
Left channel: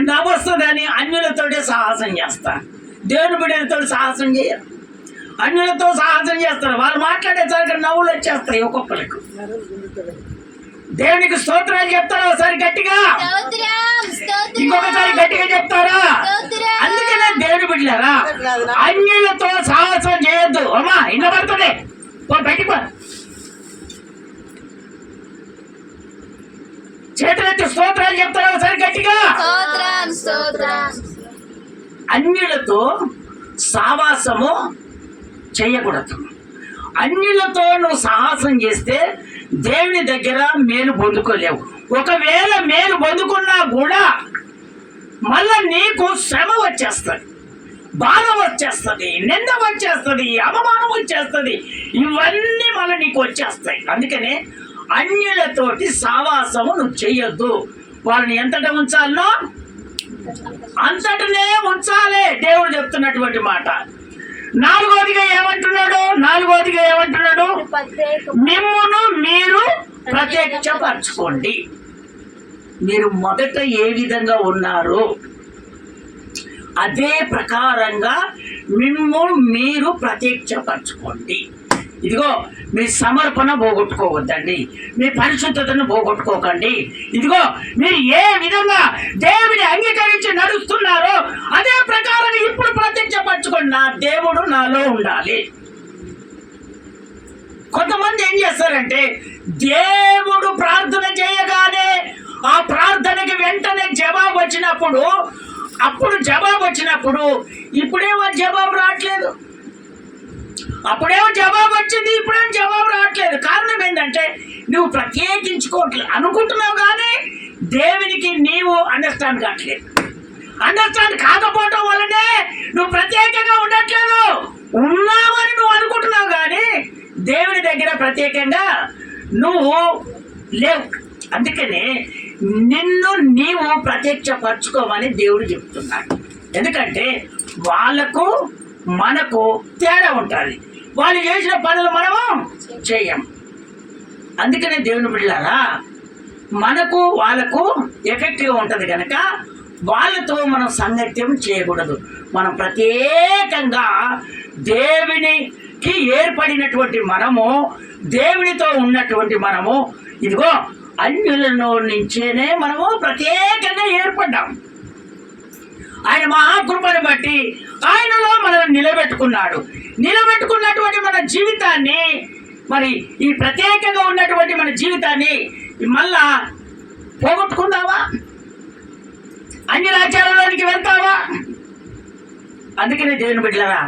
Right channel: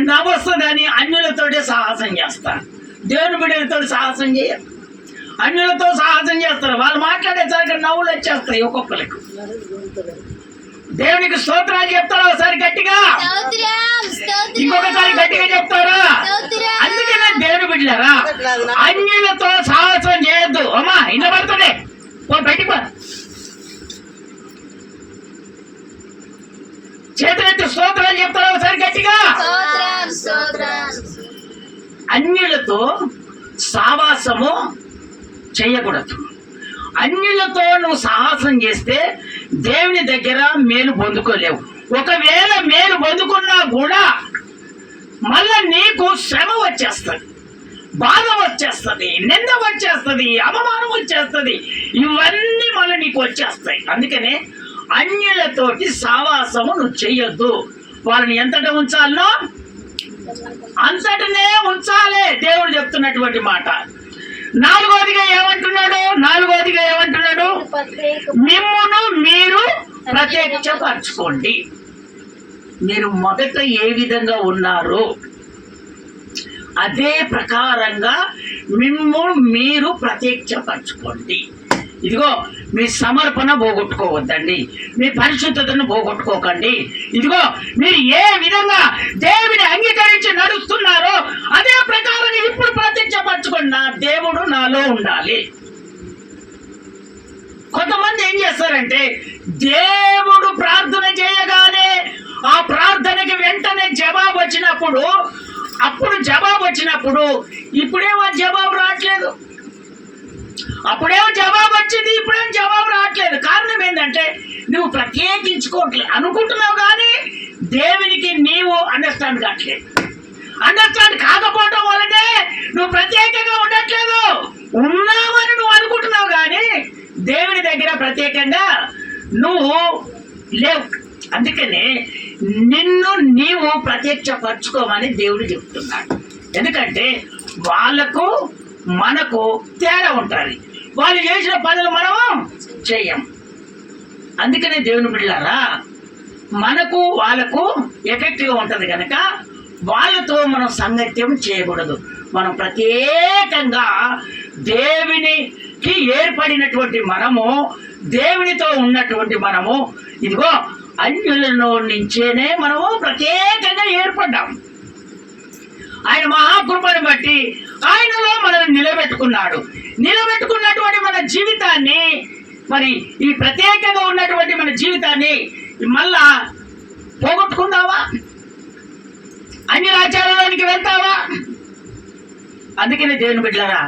నవ్వు వస్తుందని అన్యులతోటే సాహసం చేస్తారు. దేవుని బిడ్డలతో సాహసం చేయరు, అన్యులతో సాహసం చేస్తారు. వాళ్ళు మాట్లాడేసరికి నవ్వులు వచ్చేస్తాయి ఒక్కొక్కరికి. దేవునికి స్తోత్రాలు చెప్తారా? ఒకసారి గట్టిగా, ఇంకొకసారి గట్టిగా చెప్తారా? అందుకనే దేవుని బిడ్డలారా, అన్యులతో సాహసం చేయొద్దు. అమ్మా ఇన్న పడుతుంది, బయటికి చేతులెత్తి స్తోత్రాలు చెప్తారా? ఒకసారి గట్టిగా. అన్యులతో సావాసము చేయకూడదు. అన్యులతో నువ్వు సాహసం చేస్తే దేవుని దగ్గర మేలు పొందుకోలేవు. ఒకవేళ మేలు పొందుకున్నా కూడా మళ్ళా నీకు శ్రమ వచ్చేస్తుంది, బాధ వచ్చేస్తుంది, నింద వచ్చేస్తుంది, అవమానం వచ్చేస్తుంది. ఇవన్నీ మళ్ళీ నీకు వచ్చేస్తాయి. అందుకనే అన్యులతోటి సావాసము నువ్వు చెయ్యొద్దు. వాళ్ళని ఎంతటా ఉంచాలనో అంతటనే ఉంచాలి, దేవుడు చెప్తున్నటువంటి మాట. నాలుగోదిగా ఏమంటున్నాడు? మిమ్మును మీరు ప్రత్యక్షపరచుకోండి. మీరు మొదట ఏ విధంగా ఉన్నారు అదే ప్రకారంగా మీరు ప్రత్యక్షపరచుకోండి. ఇదిగో మీ సమర్పణ పోగొట్టుకోవద్దండి, మీ పరిశుద్ధతను పోగొట్టుకోకండి. ఇదిగో మీరు ఏ విధంగా దేవుని అంగీకరించి నడుస్తున్నారో అదే ప్రకారంగా ఇప్పుడు ప్రత్యక్షపరచుకోండి. నా దేవుడు నాలో ఉండాలి. కొంతమంది ఏం చేస్తారంటే దేవుడు ప్రార్థన చేయగానే ఆ ప్రార్థనకి వెంటనే జవాబు వచ్చినప్పుడు ఇప్పుడేమో జవాబు రావట్లేదు, అప్పుడేమో జవాబు వచ్చింది, ఇప్పుడేమో జవాబు రావట్లేదు. కారణం ఏంటంటే నువ్వు ప్రత్యేకించుకోవట్లేదు అనుకుంటున్నావు, కానీ దేవునికి నీవు అండర్స్టాండ్ కావట్లేదు. అండర్స్టాండ్ కాకపోవటం వల్లనే నువ్వు ప్రత్యేకంగా ఉండట్లేదు. ఉన్నావని నువ్వు అనుకుంటున్నావు, కానీ దేవుని దగ్గర ప్రత్యేకంగా నువ్వు లేవు. అందుకనే నిన్ను నీవు ప్రత్యక్షపరచుకోమని దేవుడు చెప్తున్నాడు. ఎందుకంటే వాళ్ళకు మనకు తేడా ఉంటుంది. వాళ్ళు చేసిన పనులు మనము చెయ్యం. అందుకనే దేవుని బిడ్డలారా, మనకు వాళ్ళకు ఎఫెక్ట్గా ఉంటుంది కనుక వాళ్ళతో మనం సంగత్యం చేయకూడదు. మనం ప్రత్యేకంగా దేవునికి ఏర్పడినటువంటి మనము, దేవునితో ఉన్నటువంటి మనము, ఇదిగో అన్యులలో నుంచేనే మనము ప్రత్యేకంగా ఏర్పడ్డాం. ఆయన మహాకృపను బట్టి ఆయనలో మనల్ని నిలబెట్టుకున్నటువంటి మన జీవితాన్ని, మరి ఈ ప్రత్యేకంగా ఉన్నటువంటి మన జీవితాన్ని మళ్ళా పోగొట్టుకుందావా? అన్ని రాజ్యాలలోనికి వెళ్తావా? అందుకని దేవుని బిడ్డలారా,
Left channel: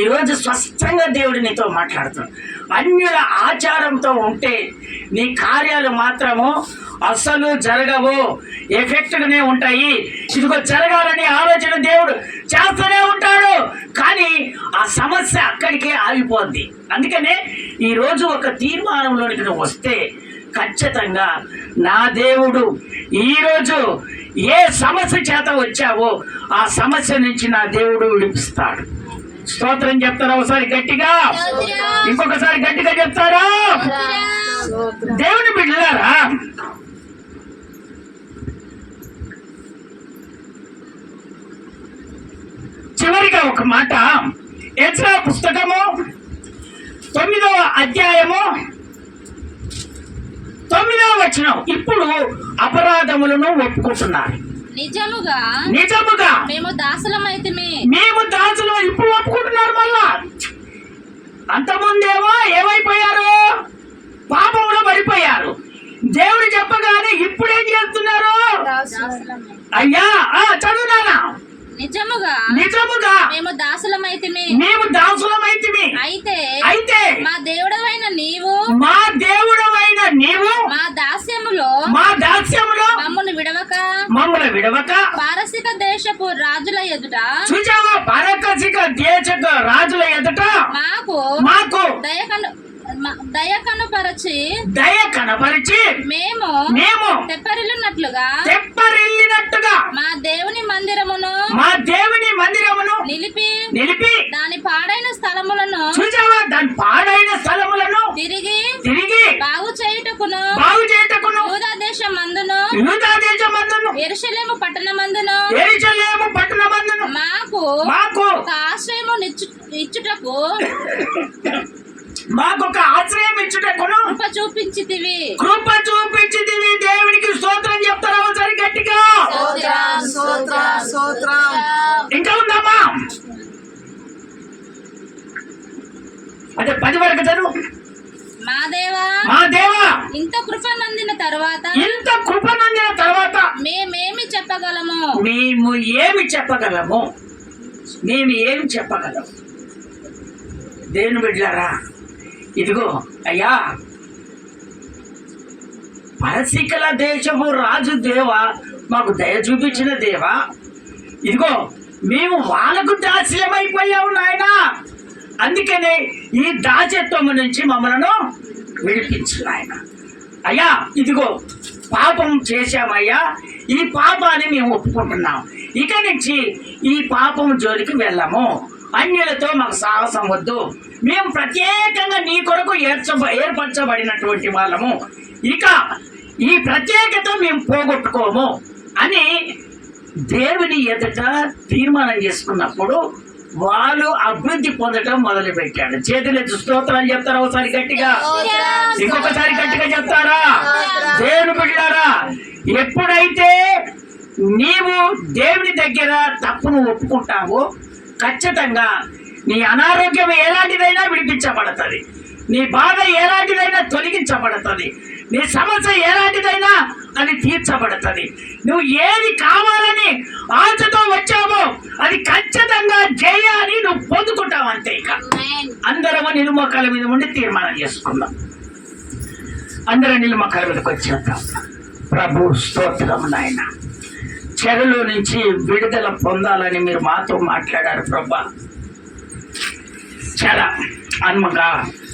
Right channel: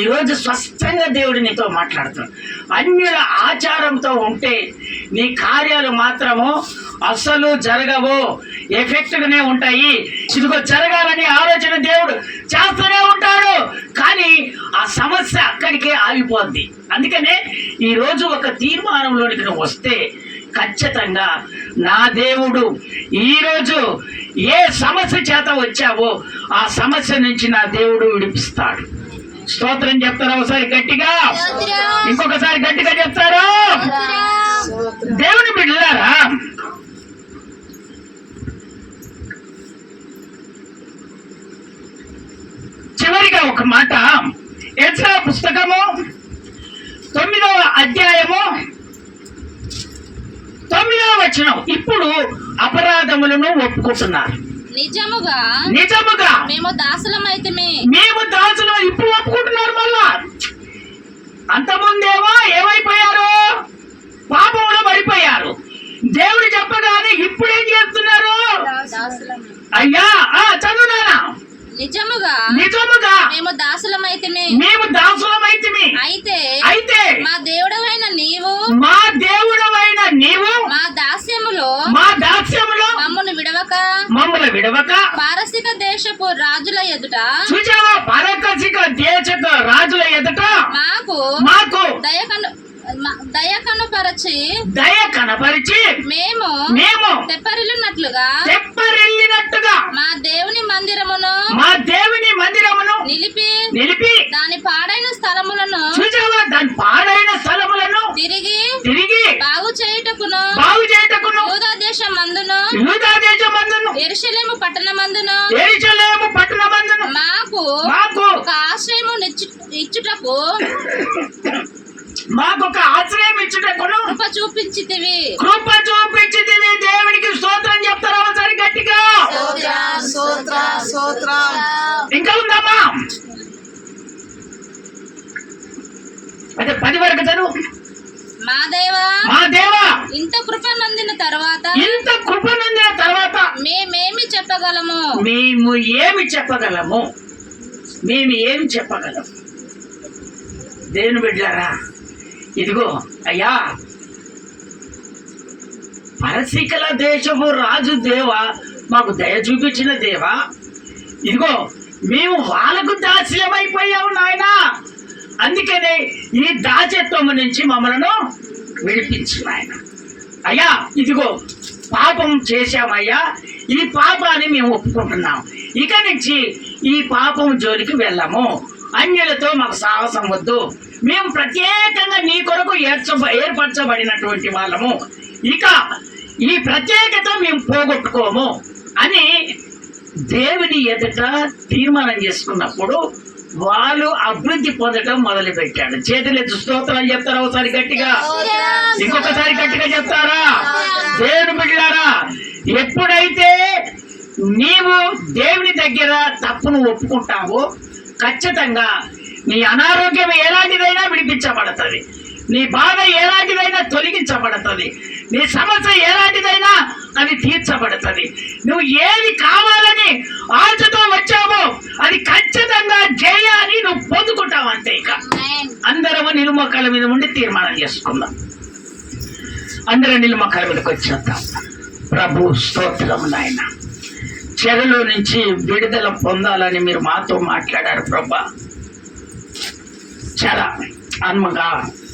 ఈరోజు స్పష్టంగా దేవుడు నీతో మాట్లాడుతున్నాడు. అన్యుల ఆచారంతో ఉంటే నీ కార్యాలు మాత్రము అసలు జరగవు, ఎఫెక్ట్గానే ఉంటాయి. ఇదిగో జరగాలని ఆలోచన దేవుడు చేస్తూనే ఉంటాడు, కానీ ఆ సమస్య అక్కడికే ఆగిపోద్ది. అందుకనే ఈరోజు ఒక తీర్మానంలోనికి నువ్వు వస్తే ఖచ్చితంగా నా దేవుడు ఈరోజు ఏ సమస్య చేత వచ్చావో ఆ సమస్య నుంచి నా దేవుడు విడిపిస్తాడు. స్తోత్రం చెప్తారా? ఒకసారి గట్టిగా, ఇంకొకసారి గట్టిగా చెప్తారా? దేవుని బిడ్డలారా, చివరిగా ఒక మాట, ఎజ్రా పుస్తకము 9వ అధ్యాయము 9వ వచనం. ఇప్పుడు అపరాధములను ఒప్పుకుంటున్నారు. నిజముగా మేము దాసులమైతిమి. ఇప్పుడు ఒప్పుకుంటున్నారు. మళ్ళా అంతకుముందేమో ఏమైపోయారు? పాపంలో పడిపోయారు. దేవుడు చెప్పగానే ఇప్పుడేం చేస్తున్నారు? అయ్యా చదువునానా? నిజముగా మేము దాసులమైతిమి. అయితే మా దేవుడవైన నీవు మా దాస్యములో మమ్మను విడవక పారసిక దేశపు రాజుల ఎదుట మాకు దయ కనపరిచి మేము తెప్పరిల్లినట్లుగా మా దేవుని మందిరమును నిలిపి దాని పాడైన స్థలములను తిరిగి బాగు చేయుటకును యూదా దేశమందును యెరూషలేము పట్టణమందును మాకు ఒక ఆశ్రయము ఇచ్చుటకు కృప చూపించితివి. దేవునికి స్తోత్రం చెప్తారా? ఒకసారి గట్టిగా. ఇంకా ఉందామా? అదే 10 వరకు చదువు. మా దేవా ఇంత కృప నొందిన తర్వాత మేమేమి చెప్పగలము? మేము ఏమి చెప్పగలము? దేవుని బిడ్డలారా, ఇదిగో అయ్యా, పరసికల దేశపు రాజు దేవా, మాకు దయ చూపించిన దేవా, ఇదిగో మేము వాళ్ళకు దాస్యమైపోయావు నాయనా. అందుకనే ఈ దాస్యత్వము నుంచి మమ్మలను విడిపించు నాయన. అయ్యా ఇదిగో పాపం చేశామయ్యా, ఈ పాపాన్ని మేము ఒప్పుకుంటున్నాం. ఇక నుంచి ఈ పాపం జోలికి వెళ్ళము. అన్యులతో మాకు సాహసం వద్దు. మేము ప్రత్యేకంగా నీ కొరకు ఏర్పరచబడినటువంటి వాళ్ళము. ఇక ఈ ప్రత్యేకత మేము పోగొట్టుకోము అని దేవుని ఎదుట తీర్మానం చేసుకున్నప్పుడు వాళ్ళు అభివృద్ధి పొందడం మొదలు పెట్టాడు. చేతులెత్తి స్తోత్రాలు చెప్తారా ఒకసారి గట్టిగా, ఇంకొకసారి గట్టిగా చెప్తారా? దేవుని బిడ్డలారా, ఎప్పుడైతే నీవు దేవుని దగ్గర తప్పును ఒప్పుకుంటావో ఖచ్చితంగా నీ అనారోగ్యం ఎలాంటిదైనా విడిపించబడుతుంది, నీ బాధ ఎలాంటిదైనా తొలగించబడుతుంది, నీ సమస్య ఎలాంటిదైనా అది తీర్చబడుతుంది. నువ్వు ఏది కావాలని ఆశతో వచ్చావో అది ఖచ్చితంగా జయాన్ని నువ్వు పొందుకుంటావు. అంతే. ఇక అందరం నిలుమొక్కల మీద ఉండి తీర్మానం చేసుకుందాం. అందరం నిలుమొక్కల మీదకి వచ్చేద్దాం. ప్రభు స్తోత్రం నాయన, చెరలో నుంచి విడుదల పొందాలని మీరు మాతో మాట్లాడారు ప్రభా. చాలా అనుమగా